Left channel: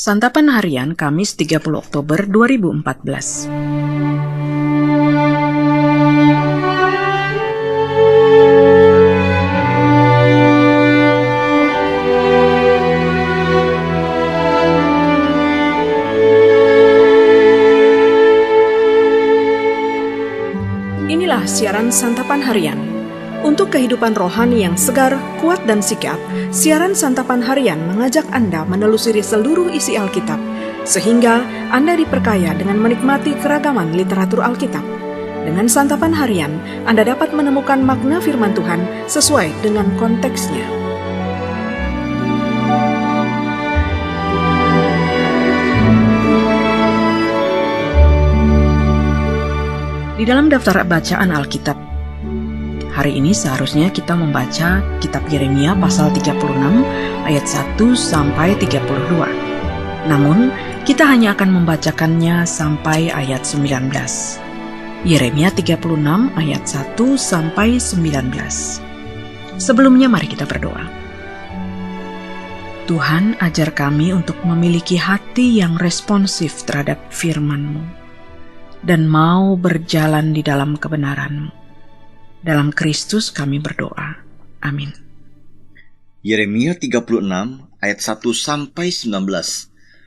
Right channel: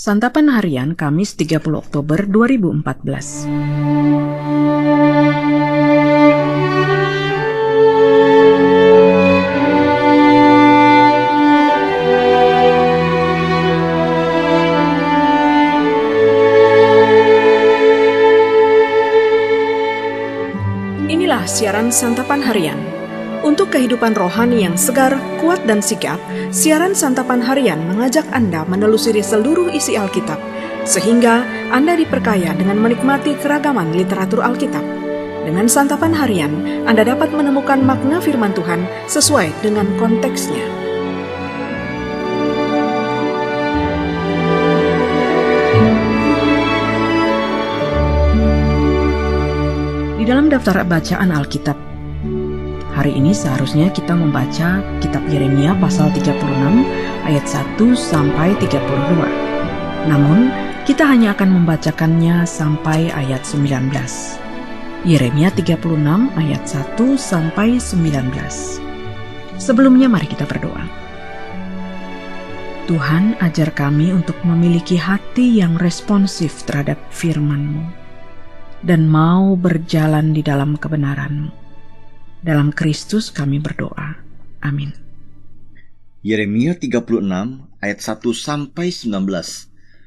Santapan Harian Kamis 30 Oktober 2014. Inilah siaran Santapan Harian. Untuk kehidupan rohani yang segar, kuat, dan sigap, siaran Santapan Harian mengajak Anda menelusuri seluruh isi Alkitab, sehingga Anda diperkaya dengan menikmati keragaman literatur Alkitab. Dengan Santapan Harian, Anda dapat menemukan makna firman Tuhan sesuai dengan konteksnya. Di dalam daftar bacaan Alkitab, hari ini seharusnya kita membaca kitab Yeremia pasal 36 ayat 1 sampai 32. Namun, kita hanya akan membacakannya sampai ayat 19. Yeremia 36 ayat 1 sampai 19. Sebelumnya mari kita berdoa. Tuhan, ajar kami untuk memiliki hati yang responsif terhadap firman-Mu dan mau berjalan di dalam kebenaran-Mu. Dalam Kristus kami berdoa. Amin. Yeremia 36 ayat 1 sampai 19.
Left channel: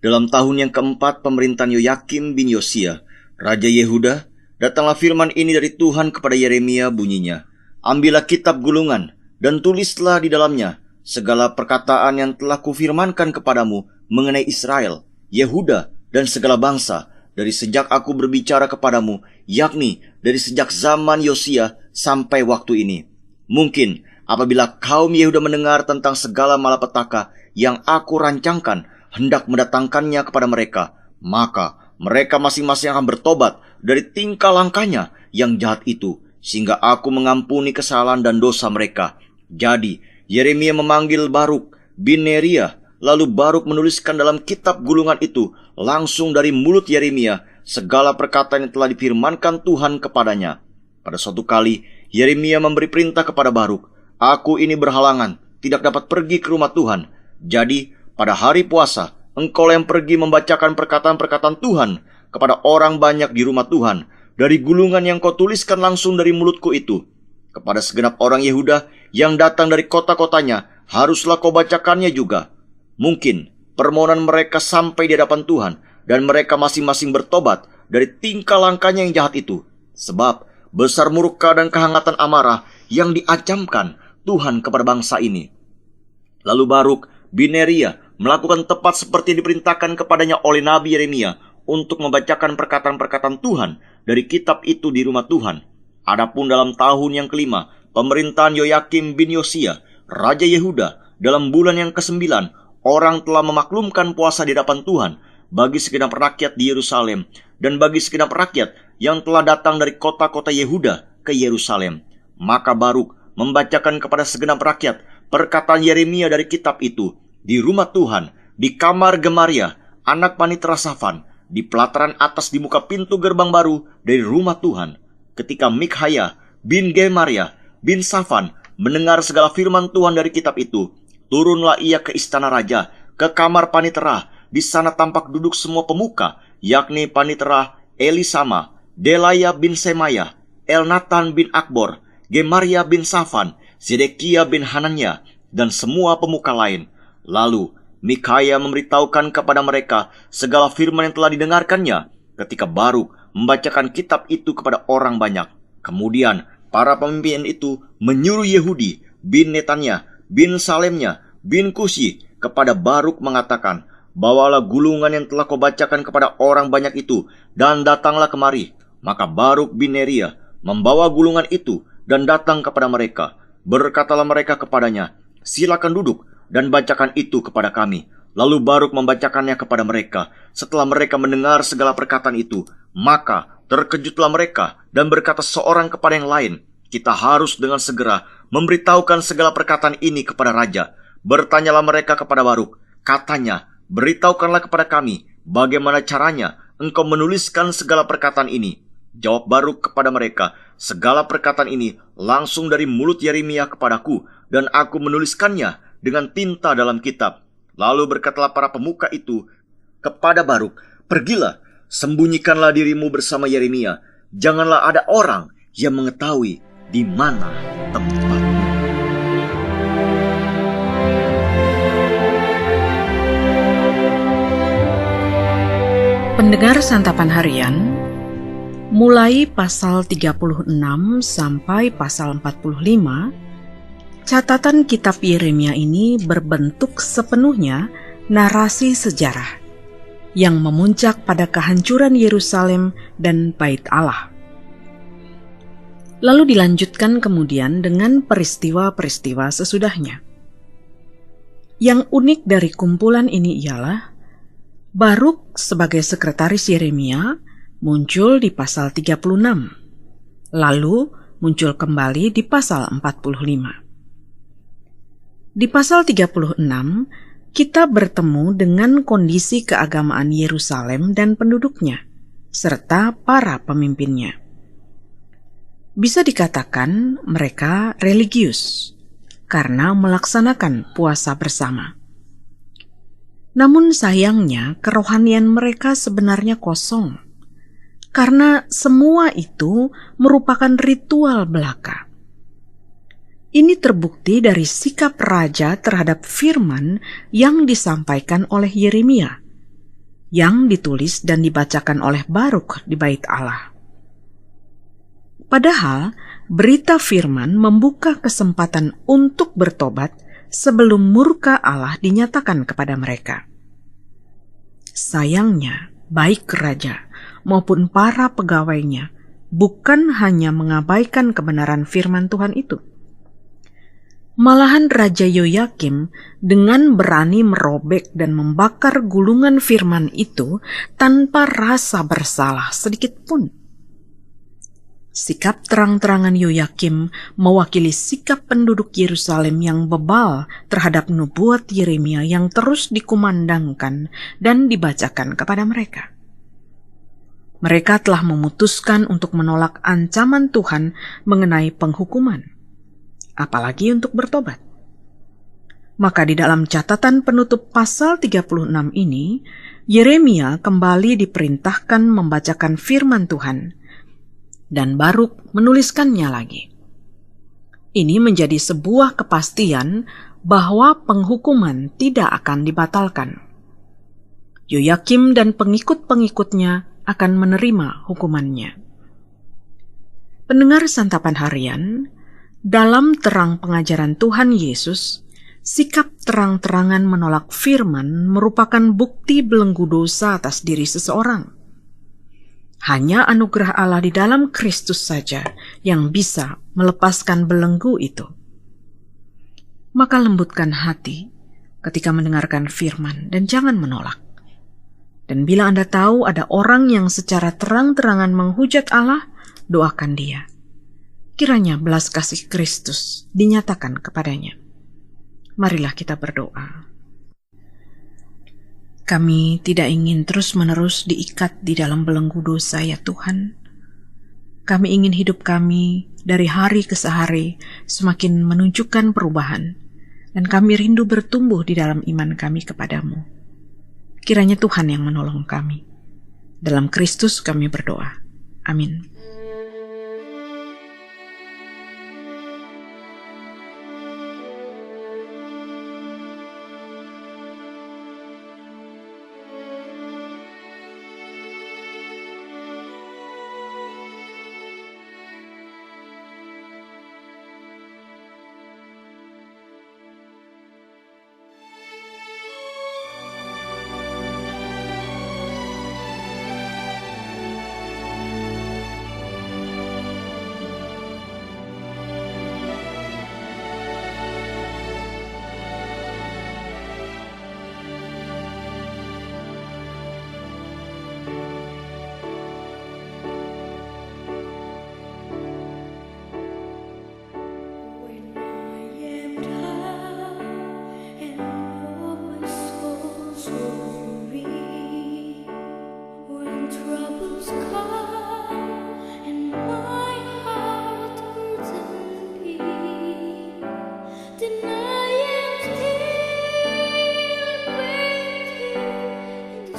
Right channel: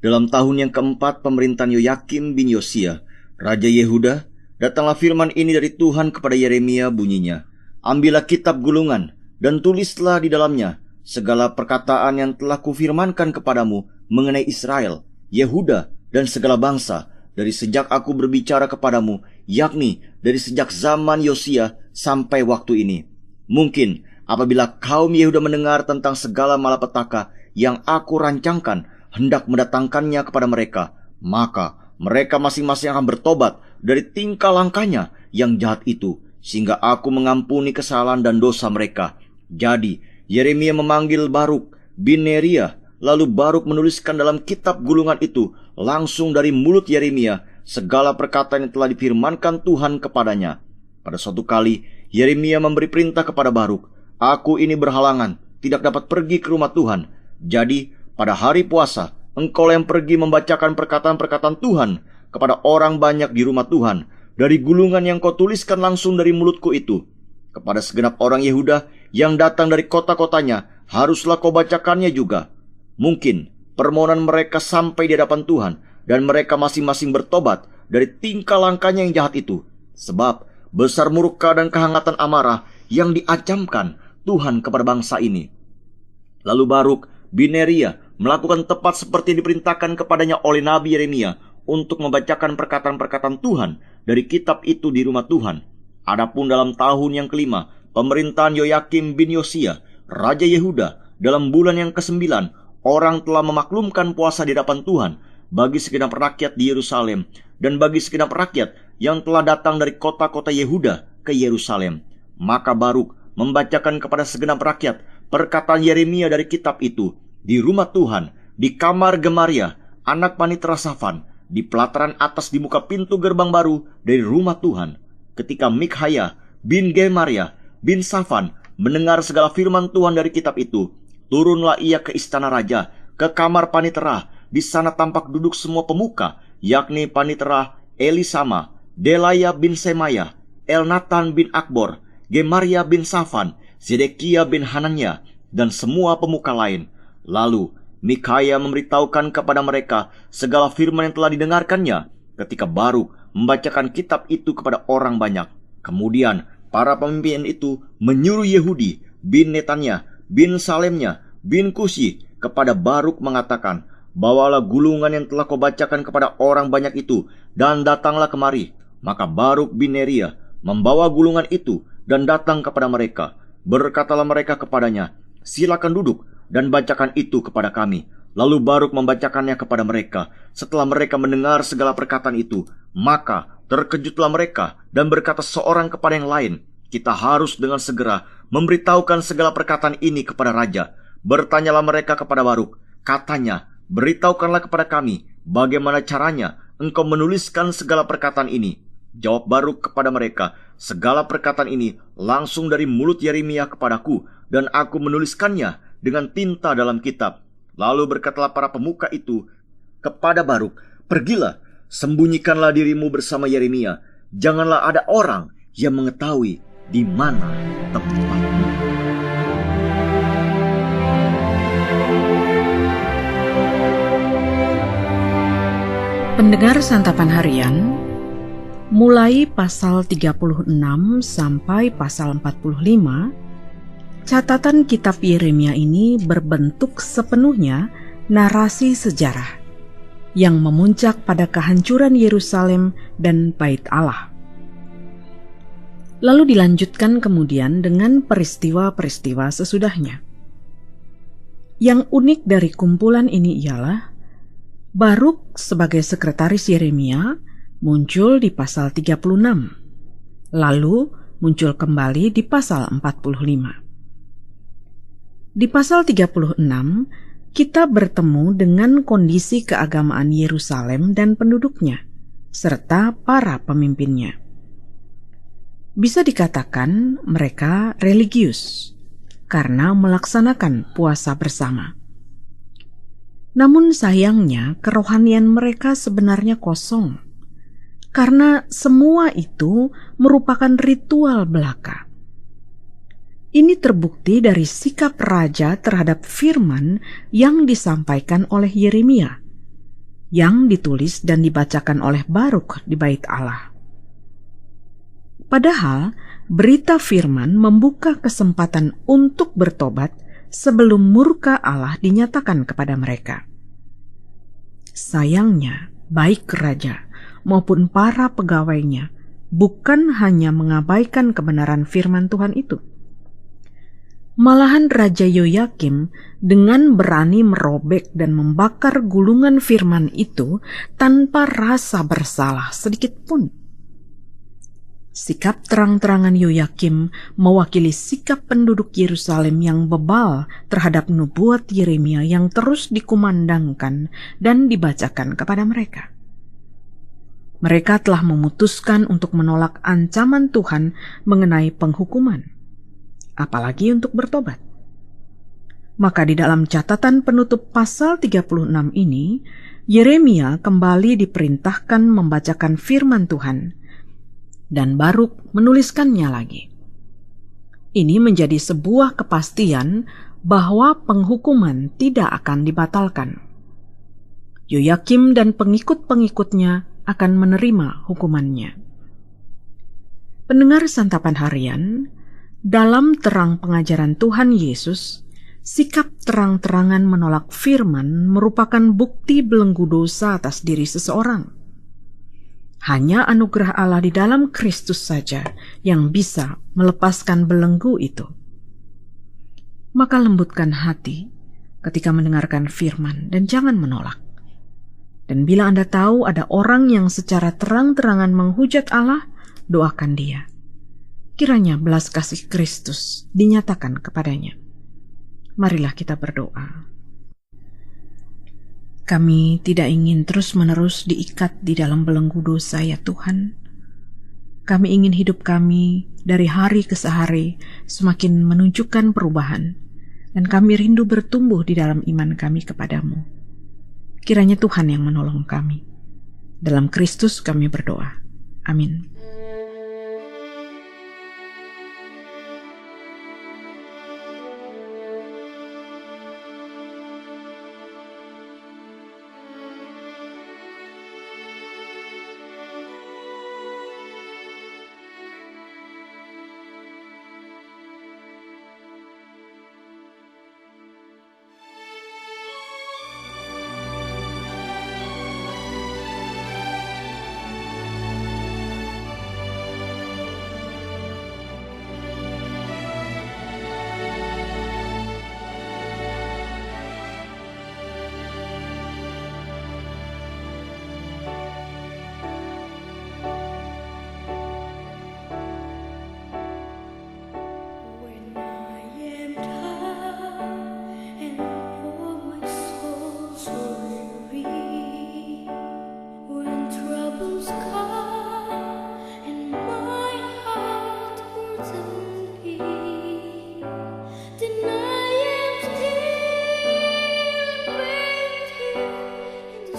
Dalam tahun yang keempat pemerintahan Yoyakim bin Yosia, Raja Yehuda, datanglah firman ini dari Tuhan kepada Yeremia bunyinya. Ambillah kitab gulungan dan tulislah di dalamnya segala perkataan yang telah kufirmankan kepadamu mengenai Israel, Yehuda, dan segala bangsa, dari sejak aku berbicara kepadamu, yakni dari sejak zaman Yosia sampai waktu ini. Mungkin apabila kaum Yehuda mendengar tentang segala malapetaka yang aku rancangkan hendak mendatangkannya kepada mereka, maka mereka masing-masing akan bertobat dari tingkah langkahnya yang jahat itu, sehingga aku mengampuni kesalahan dan dosa mereka. Jadi Yeremia memanggil Baruk bin Neria, lalu Baruk menuliskan dalam kitab gulungan itu langsung dari mulut Yeremia segala perkataan yang telah difirmankan Tuhan kepadanya. Pada suatu kali Yeremia memberi perintah kepada Baruk, "Aku ini berhalangan, tidak dapat pergi ke rumah Tuhan. Jadi pada hari puasa engkau yang pergi membacakan perkataan-perkataan Tuhan kepada orang banyak di rumah Tuhan dari gulungan yang kau tuliskan langsung dari mulutku itu. Kepada segenap orang Yehuda yang datang dari kota-kotanya haruslah kau bacakannya juga. Mungkin permohonan mereka sampai di hadapan Tuhan dan mereka masing-masing bertobat dari tingkah langkahnya yang jahat itu. Sebab besar murka dan kehangatan amarah yang diacamkan Tuhan kepada bangsa ini." Lalu Baruk bin Neria melakukan tepat seperti diperintahkan kepadanya oleh Nabi Yeremia untuk membacakan perkataan-perkataan Tuhan dari kitab itu di rumah Tuhan. Adapun dalam tahun yang kelima pemerintahan Yoyakim bin Yosia, Raja Yehuda, dalam bulan yang ke-9, orang telah memaklumkan puasa di hadapan Tuhan bagi segenap rakyat di Yerusalem dan bagi segenap rakyat yang telah datang dari kota-kota Yehuda ke Yerusalem. Maka Baruk membacakan kepada segenap rakyat perkataan Yeremia dari kitab itu di rumah Tuhan, di kamar Gemaria, anak panitera Safan, di pelataran atas di muka pintu gerbang baru dari rumah Tuhan. Ketika Mikhaya bin Gemaria bin Safan mendengar segala firman Tuhan dari kitab itu, turunlah ia ke istana raja, ke kamar panitera. Di sana tampak duduk semua pemuka, yakni panitera Elisama, Delaya bin Semaya, Elnatan bin Akbor, Gemaria bin Safan, Zedekia bin Hananya, dan semua pemuka lain. Lalu Mikhaya memberitahukan kepada mereka segala firman yang telah didengarkannya ketika Baruk membacakan kitab itu kepada orang banyak. Kemudian para pemimpin itu menyuruh Yehudi bin Netanya bin Salemnya bin Kusi kepada Baruk mengatakan, "Bawalah gulungan yang telah kau bacakan kepada orang banyak itu dan datanglah kemari." Maka Baruk bin Neria membawa gulungan itu dan datang kepada mereka. Berkatalah mereka kepadanya, "Silakan duduk dan bacakan itu kepada kami." Lalu Baruk membacakannya kepada mereka. Setelah mereka mendengar segala perkataan itu, maka terkejutlah mereka dan berkata seorang kepada yang lain, "Kita harus dengan segera memberitahukan segala perkataan ini kepada raja." Bertanyalah mereka kepada Baruk, katanya, "Beritahukanlah kepada kami bagaimana caranya engkau menuliskan segala perkataan ini." Jawab Baruk kepada mereka, "Segala perkataan ini langsung dari mulut Yeremia kepadaku, dan aku menuliskannya dengan tinta dalam kitab." Lalu berkatalah para pemuka itu kepada Baruk, "Pergilah, sembunyikanlah dirimu bersama Yeremia. Janganlah ada orang yang mengetahui di mana tempatmu." Pendengar santapan harian, mulai pasal 36 sampai pasal 45, catatan kitab Yeremia ini berbentuk sepenuhnya narasi sejarah yang memuncak pada kehancuran Yerusalem dan Bait Allah. Lalu dilanjutkan kemudian dengan peristiwa-peristiwa sesudahnya. Yang unik dari kumpulan ini ialah Baruk sebagai sekretaris Yeremia muncul di pasal 36, lalu muncul kembali di pasal 45. Di pasal 36, kita bertemu dengan kondisi keagamaan Yerusalem dan penduduknya, serta para pemimpinnya. Bisa dikatakan mereka religius, karena melaksanakan puasa bersama. Namun sayangnya kerohanian mereka sebenarnya kosong, karena semua itu merupakan ritual belaka. Ini terbukti dari sikap raja terhadap firman yang disampaikan oleh Yeremia, yang ditulis dan dibacakan oleh Baruk di Bait Allah. Padahal berita firman membuka kesempatan untuk bertobat sebelum murka Allah dinyatakan kepada mereka. Sayangnya, baik raja maupun para pegawainya bukan hanya mengabaikan kebenaran firman Tuhan itu. Malahan Raja Yoyakim dengan berani merobek dan membakar gulungan firman itu tanpa rasa bersalah sedikit pun. Sikap terang-terangan Yoyakim mewakili sikap penduduk Yerusalem yang bebal terhadap nubuat Yeremia yang terus dikumandangkan dan dibacakan kepada mereka. Mereka telah memutuskan untuk menolak ancaman Tuhan mengenai penghukuman, apalagi untuk bertobat. Maka di dalam catatan penutup pasal 36 ini, Yeremia kembali diperintahkan membacakan firman Tuhan, dan Baruk menuliskannya lagi. Ini menjadi sebuah kepastian bahwa penghukuman tidak akan dibatalkan. Yoyakim dan pengikut-pengikutnya akan menerima hukumannya. Pendengar santapan harian, dalam terang pengajaran Tuhan Yesus, sikap terang-terangan menolak firman merupakan bukti belenggu dosa atas diri seseorang. Hanya anugerah Allah di dalam Kristus saja yang bisa melepaskan belenggu itu. Maka lembutkan hati ketika mendengarkan firman dan jangan menolak. Dan bila Anda tahu ada orang yang secara terang-terangan menghujat Allah, doakan dia. Kiranya belas kasih Kristus dinyatakan kepadanya. Marilah kita berdoa. Kami tidak ingin terus-menerus diikat di dalam belenggu dosa, ya Tuhan. Kami ingin hidup kami dari hari ke hari semakin menunjukkan perubahan, dan kami rindu bertumbuh di dalam iman kami kepadamu. Kiranya Tuhan yang menolong kami. Dalam Kristus kami berdoa. Amin. Troubles come and my heart burden be, then I am still waiting in the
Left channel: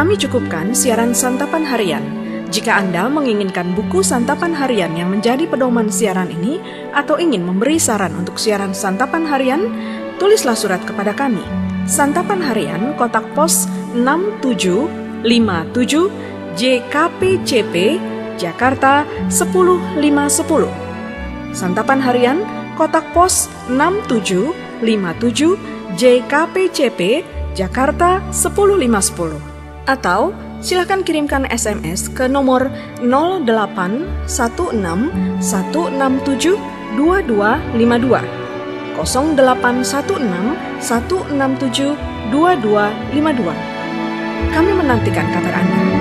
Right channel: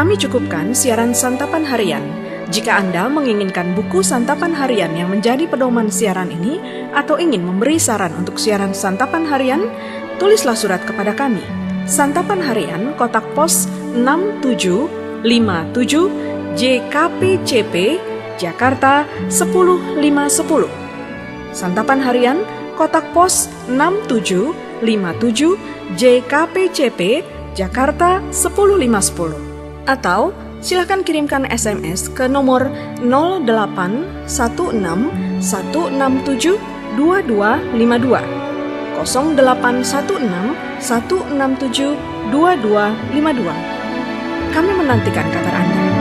Kami cukupkan siaran santapan harian. Jika Anda menginginkan buku santapan harian yang menjadi pedoman siaran ini atau ingin memberi saran untuk siaran santapan harian, tulislah surat kepada kami. Santapan Harian, Kotak Pos 6757, JKPCP, Jakarta 10510. Santapan Harian, Kotak Pos 6757, JKPCP, Jakarta 10510. Atau silakan kirimkan SMS ke nomor 0816 167 2252, 0816 167 2252. Kami menantikan kabar Anda.